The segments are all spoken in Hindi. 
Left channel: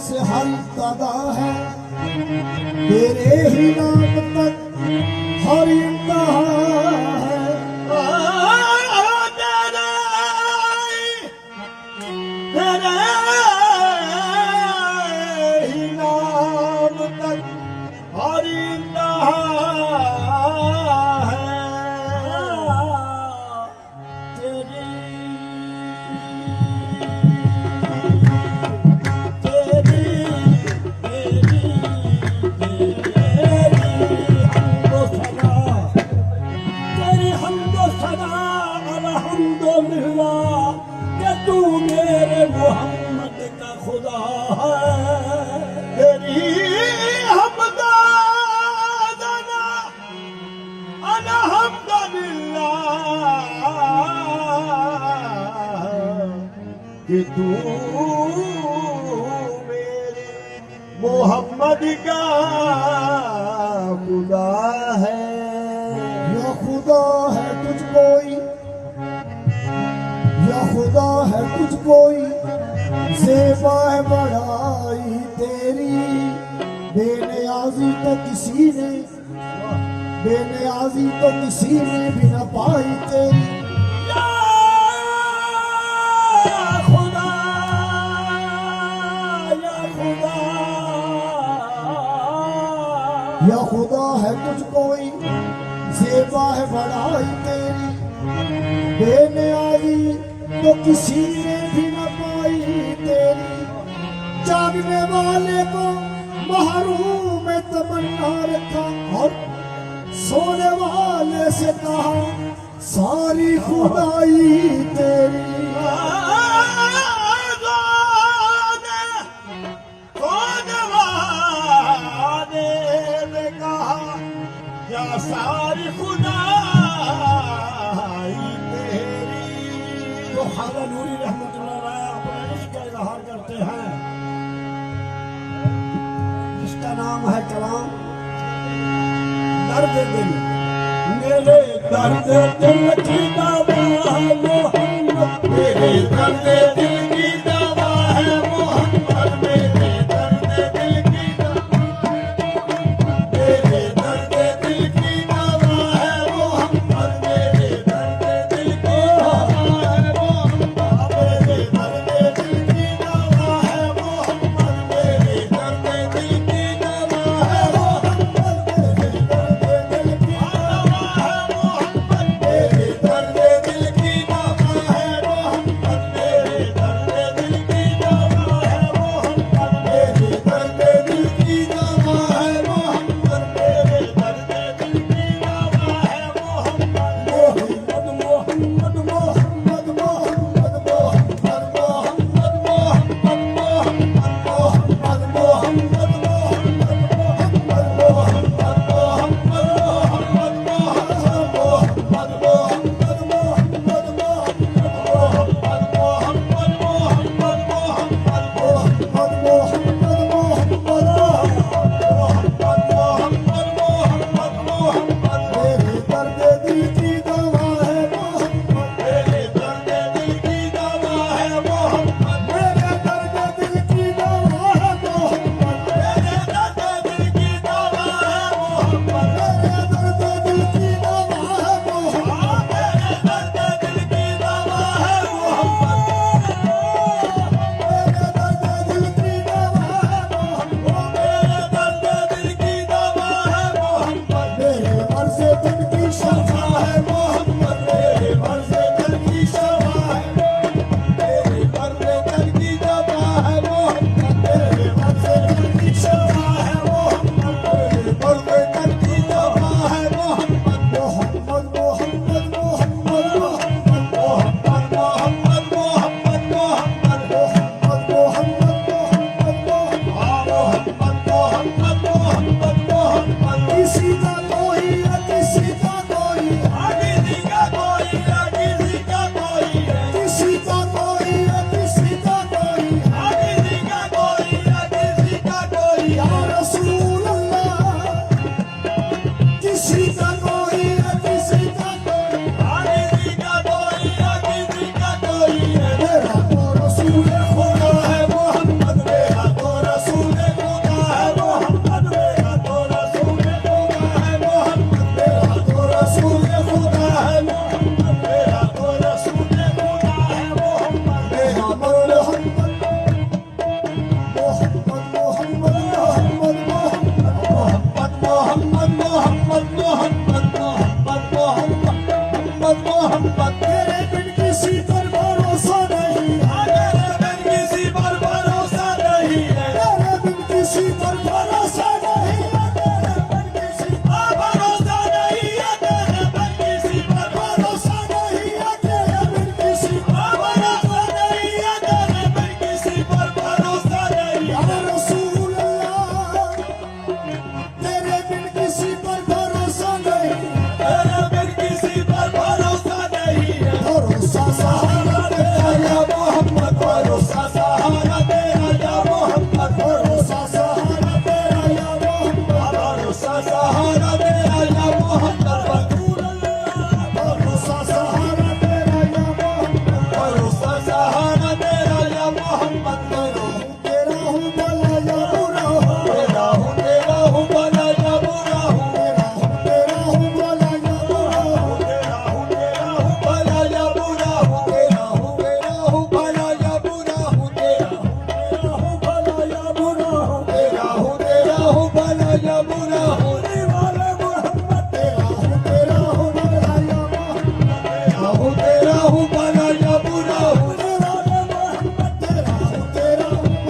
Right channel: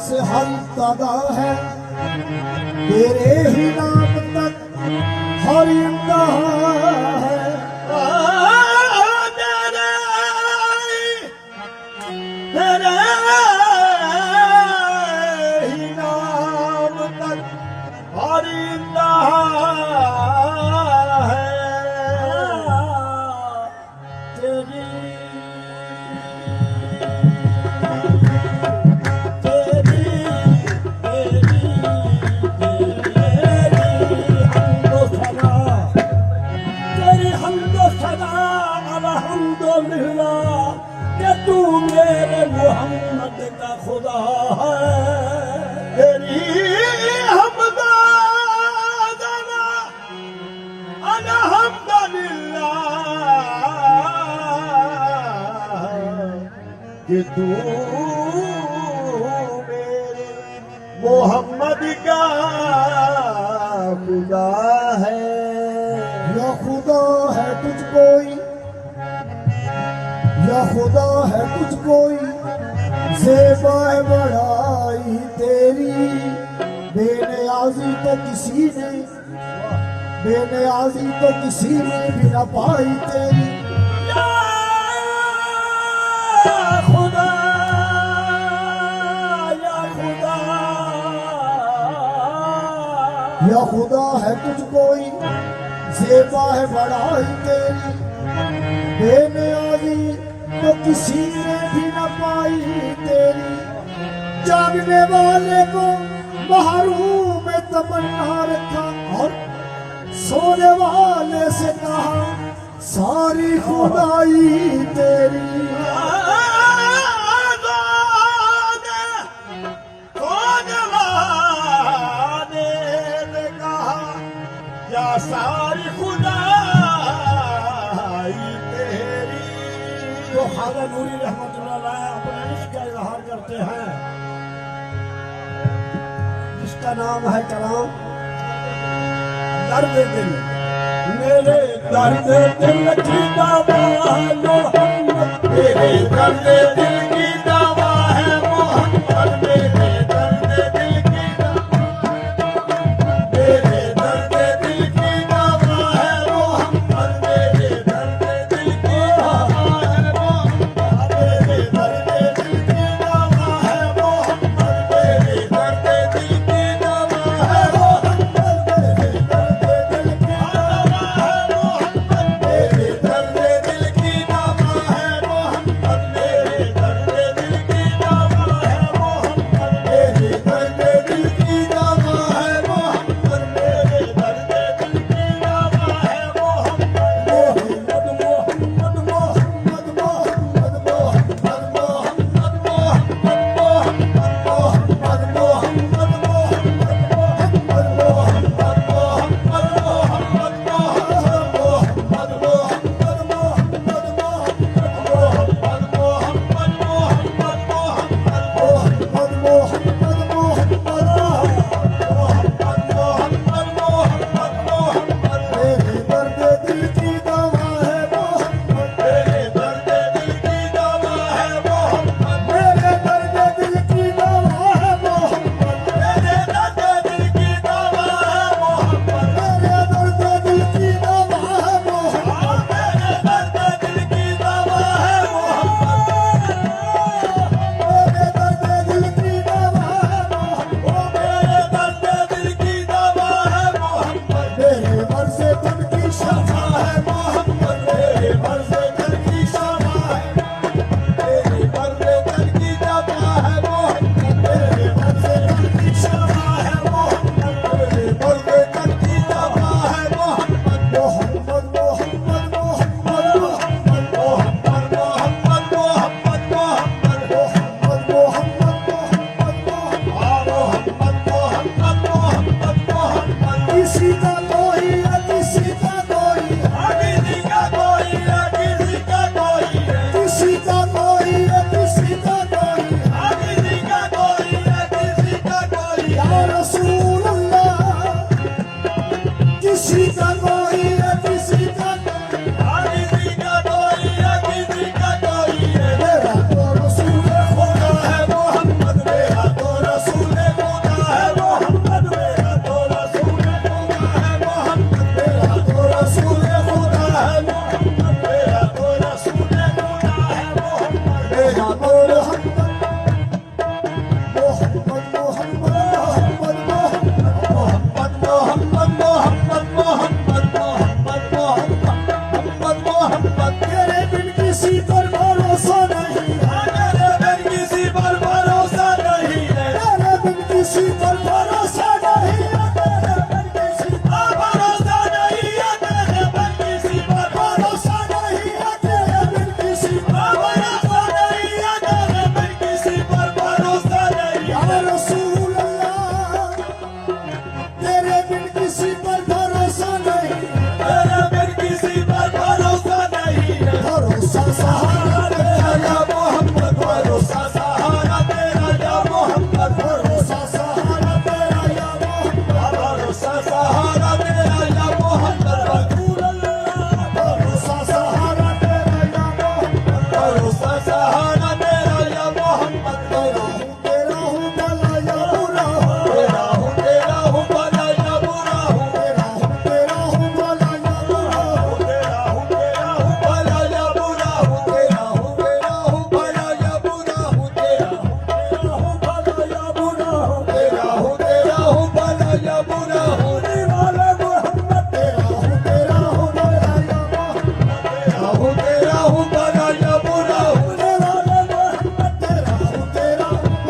से हर दादा है, तेरे ही नाम तक हर इंतहा है। तेरे ही नाम तक हर इंतहा है। तेरी तू मेरे मोहम्मद का खुदा है। तेरी हमदा जना अल्हम्दुलिल्लाह कि तू मेरे मोहम्मद का खुदा है। या खुदा है तुझ कोई, या खुदा है कुछ कोई, ज़ेबा है बड़ाई तेरी। बेनियाज़ी तो किसी ने, बेनियाज़ी तो किसी ने भी न पाई तेरी। या खुदा, या खुदा, या खुदा है कुछ कोई, ज़ेबा है बड़ाई तेरी। बेनियाज़ी तो किसी ने भी न पाई तेरी। जागने वाले को महरूम में तमन्ना रखा और सोने वाले से कहा सारी खुदाई तेरी। सोने वाले ने कहा या सारी खुदाई तो ख्वाजा नूरी रहमतुल्लाह अलैह अपने इश्क का इजहार करते हैं, जिसका नाम है कलाम दर्द दिल। मेरे दर्द दिल की दवा है मोहम्मद, मेरे दर्द दिल की दवा है मोहम्मद। मेरे दर्द दिल की दवा, मेरे दर्द दिल की दवा है मोहम्मद। मेरे दर्द दिल की तेरा हूँ भला या बुरा हूँ, तेरा हूँ भला या बुरा हूँ, तेरा हूँ भला या बुरा हूँ, तेरा हूँ भला या बुरा हूँ, तेरा हूँ भला या बुरा हूँ, तेरा हूँ भला या बुरा हूँ, तेरा हूँ भला या बुरा हूँ। होने वाला मोहम्मद तेरा हूँ भला या तेरा हूँ भला या बुरा हूँ। होने वाला मोहम्मद तेरा हूँ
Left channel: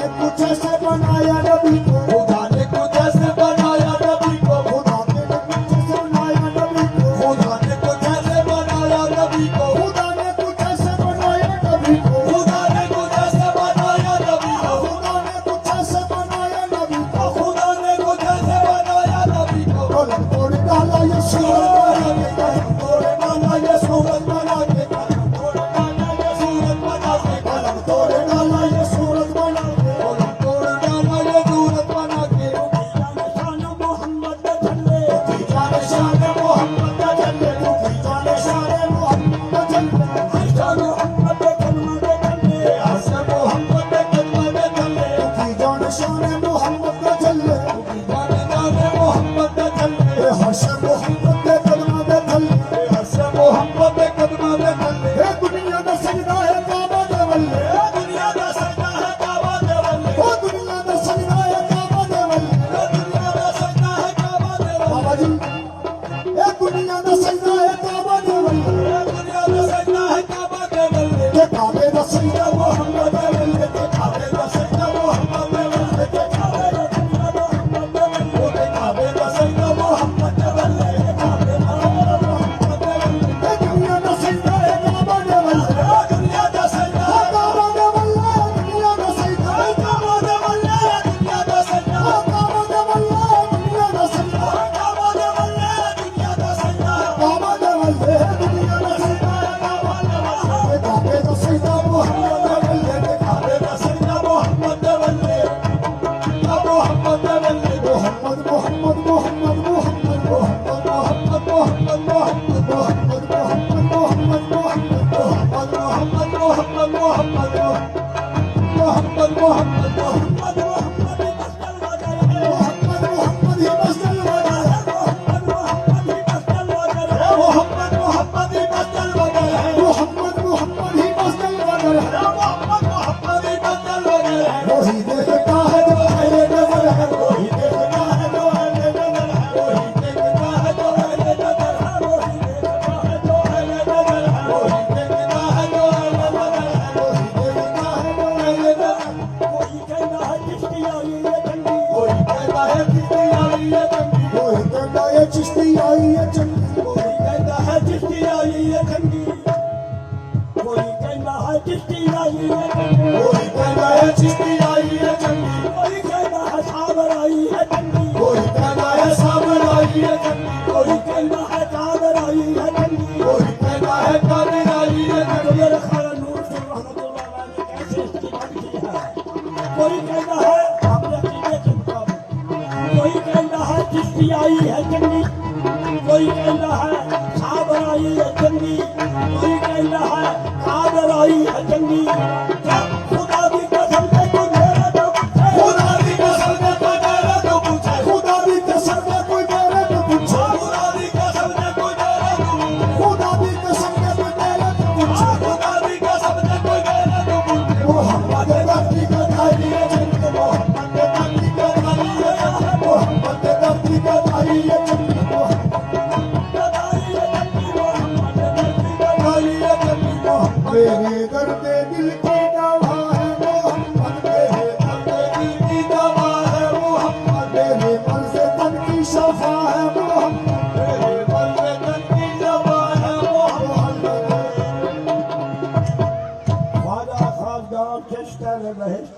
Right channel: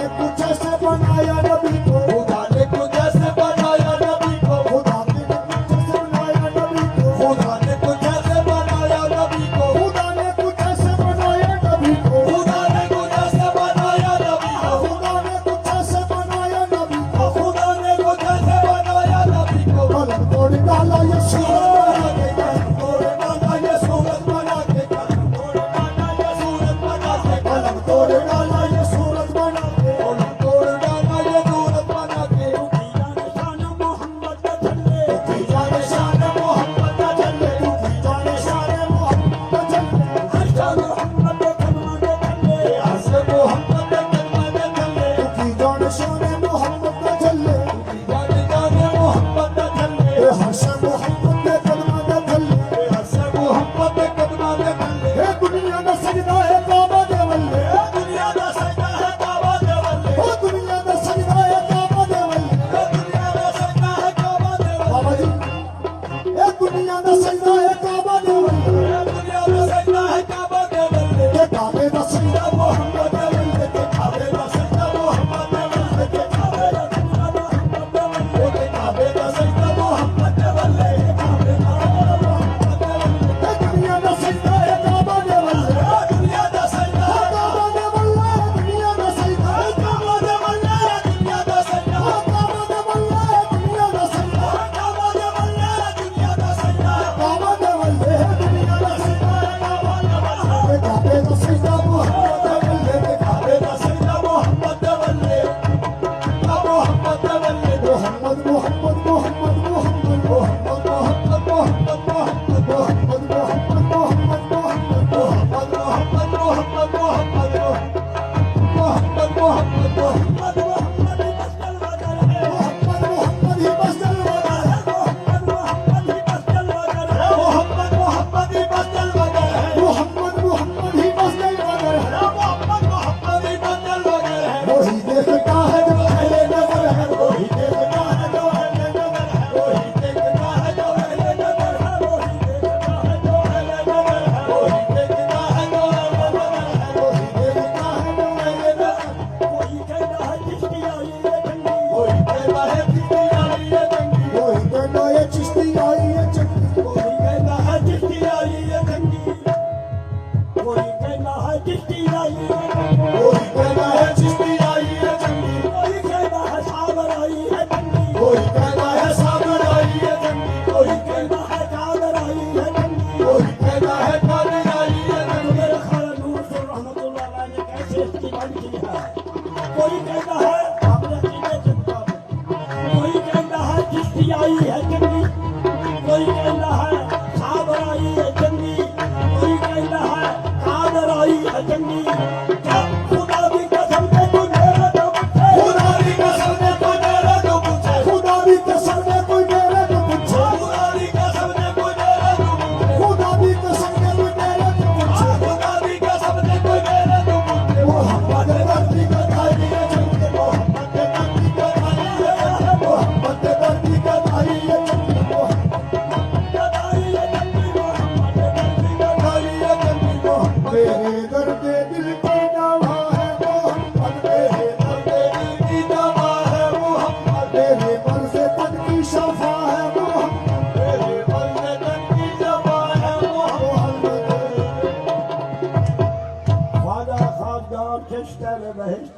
ने कुछ ऐसे बनाया नबी को, खुदा ने कुछ ऐसे बनाया नबी को, खुदा ने कुछ ऐसे बनाया नबी को, खुदा ने कुछ ऐसे बनाया नबी को, खुदा ने कुछ ऐसे बनाया नबी को, खुदा ने कुछ ऐसे बनाया नबी को, खुदा ने कुछ ऐसे बनाया नबी को, खुदा ने कुछ ऐसे बनाया नबी को। कलम तोड़ डाला ये सूरत बना के, कलम तोड़ डाला ये सूरत बना के, कलम तोड़ डाला ये सूरत बना के, कलम तोड़ डाला ये सूरत बना के, कलम तोड़ डाला ये सूरत बना के। तू जाने शान मोहम्मद न चले, तू जाने शान मोहम्मद न चले, तू जाने शान मोहम्मद न चले, हर्ष मोहम्मद न चले, तू जाने शान मोहम्मद न चले, जाने जाने मोहम्मद न चले, हर्ष मोहम्मद के कदमां दे थल्ले, हर्ष मोहम्मद के कदमां दे थल्ले। ए दुनिया दा सजदा है काबा दे वल्ले, दुनिया दा सजदा है काबा दे वल्ले, ओ दुनिया दा सजदा है काबा दे वल्ले, दुनिया दा सजदा है काबा दे वल्ले। बाबा जी ए दुनिया दा सजदा है काबा दे वल्ले, दुनिया दा सजदा है काबा दे वल्ले, के काबे दा सजदा मोहम्मद दे वल्ले, के काबे दा सजदा मोहम्मद दे वल्ले, के काबे दा सजदा मोहम्मद दे वल्ले, के काबे दा सजदा मोहम्मद दे वल्ले, के काबे दा सजदा मोहम्मद दे वल्ले। ए दुनिया दा सजदा है काबा दे वल्ले, दुनिया दा सजदा है काबा दे वल्ले, दुनिया दा सजदा है काबा दे वल्ले, दुनिया दा सजदा है काबा दे वल्ले, दुनिया दा सजदा है काबा दे वल्ले, दुनिया दा सजदा है काबा दे वल्ले, दुनिया दा सजदा है काबा दे वल्ले, के काबे दा सजदा मोहम्मद दे वल्ले, के काबे दा सजदा मोहम्मद दे वल्ले, मोहम्मद दे वल्ले। मोहम्मद मोहम्मद मोहम्मद मोहम्मद मोहम्मद मोहम्मद मोहम्मद मोहम्मद मोहम्मद मोहम्मद मोहम्मद मोहम्मद मोहम्मद मोहम्मद मोहम्मद मोहम्मद मोहम्मद मोहम्मद ही बस जलवा है, मोहम्मद ही बस जलवा है, मोहम्मद ही बस जलवा है, मोहम्मद ही बस जलवा है, मोहम्मद ही बस जलवा है। वही देखता है जो अहले नजर है, वही देखता है जो अहले नजर है, वही देखता है जो अहले नजर है, वही देखता है जो अहले नजर है, वही देखता है जो अहले नजर है, वही देखता है जो अहले नजर है। कोई कहता है चिश्ती आई है चंगी, कोई कहता है चिश्ती आई है चंगी, कोई कहता है चिश्ती आई है चंगी, कोई कहता है चिश्ती आई है चंगी, कोई कहता है चिश्ती आई है चंगी, कोई कहता है चिश्ती आई है चंगी, कोई कहता है साबर आई है चंगी, कोई कहता है साबर आई है चंगी, कोई कहता है कादर आई है चंगी, कोई कहता है कादर आई है चंगी। मेरे ख्याल नूर से रहमतुल्लाह अलैह ने कैसे इस्तेमाल की है। कोई कहता है आपने कीने चंगा, कोई कहता है चिश्ती आई है चंगी, कोई कहता है साबर आई है चंगी, कोई कहता है कादर आई है चंगी। खुदा की कसम से कोई मेरे तो पूछे, खुदा की कसम से कोई मेरे तो पूछे, खुदा की कसम से कोई मेरे तो पूछे, खुदा की कसम से कोई मेरे तो पूछे, खुदा की कसम से कोई मेरे तो पूछे, खुदा की कसम से कोई मेरे तो पूछे। मोहम्मद धरती का दाई है चंगी, मोहम्मद धरती का दाई है, मोहम्मद धरती का दाई है चंगी, मेरे दर्द दिल की दवा है मोहम्मद, मेरे दर्द दिल की दवा है मोहम्मद, मेरे मन से तन की शफा है मोहम्मद, मेरे मन से तन की शफा है मोहम्मद। ख्वाजा खासगार चिश्तर बहिश्त।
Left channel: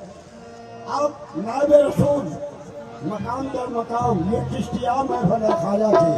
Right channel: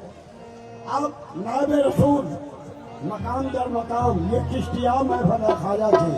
अब नाब रसूल मकाम दर मकाम ये चिश्तिया में बना ख्वाजा थे।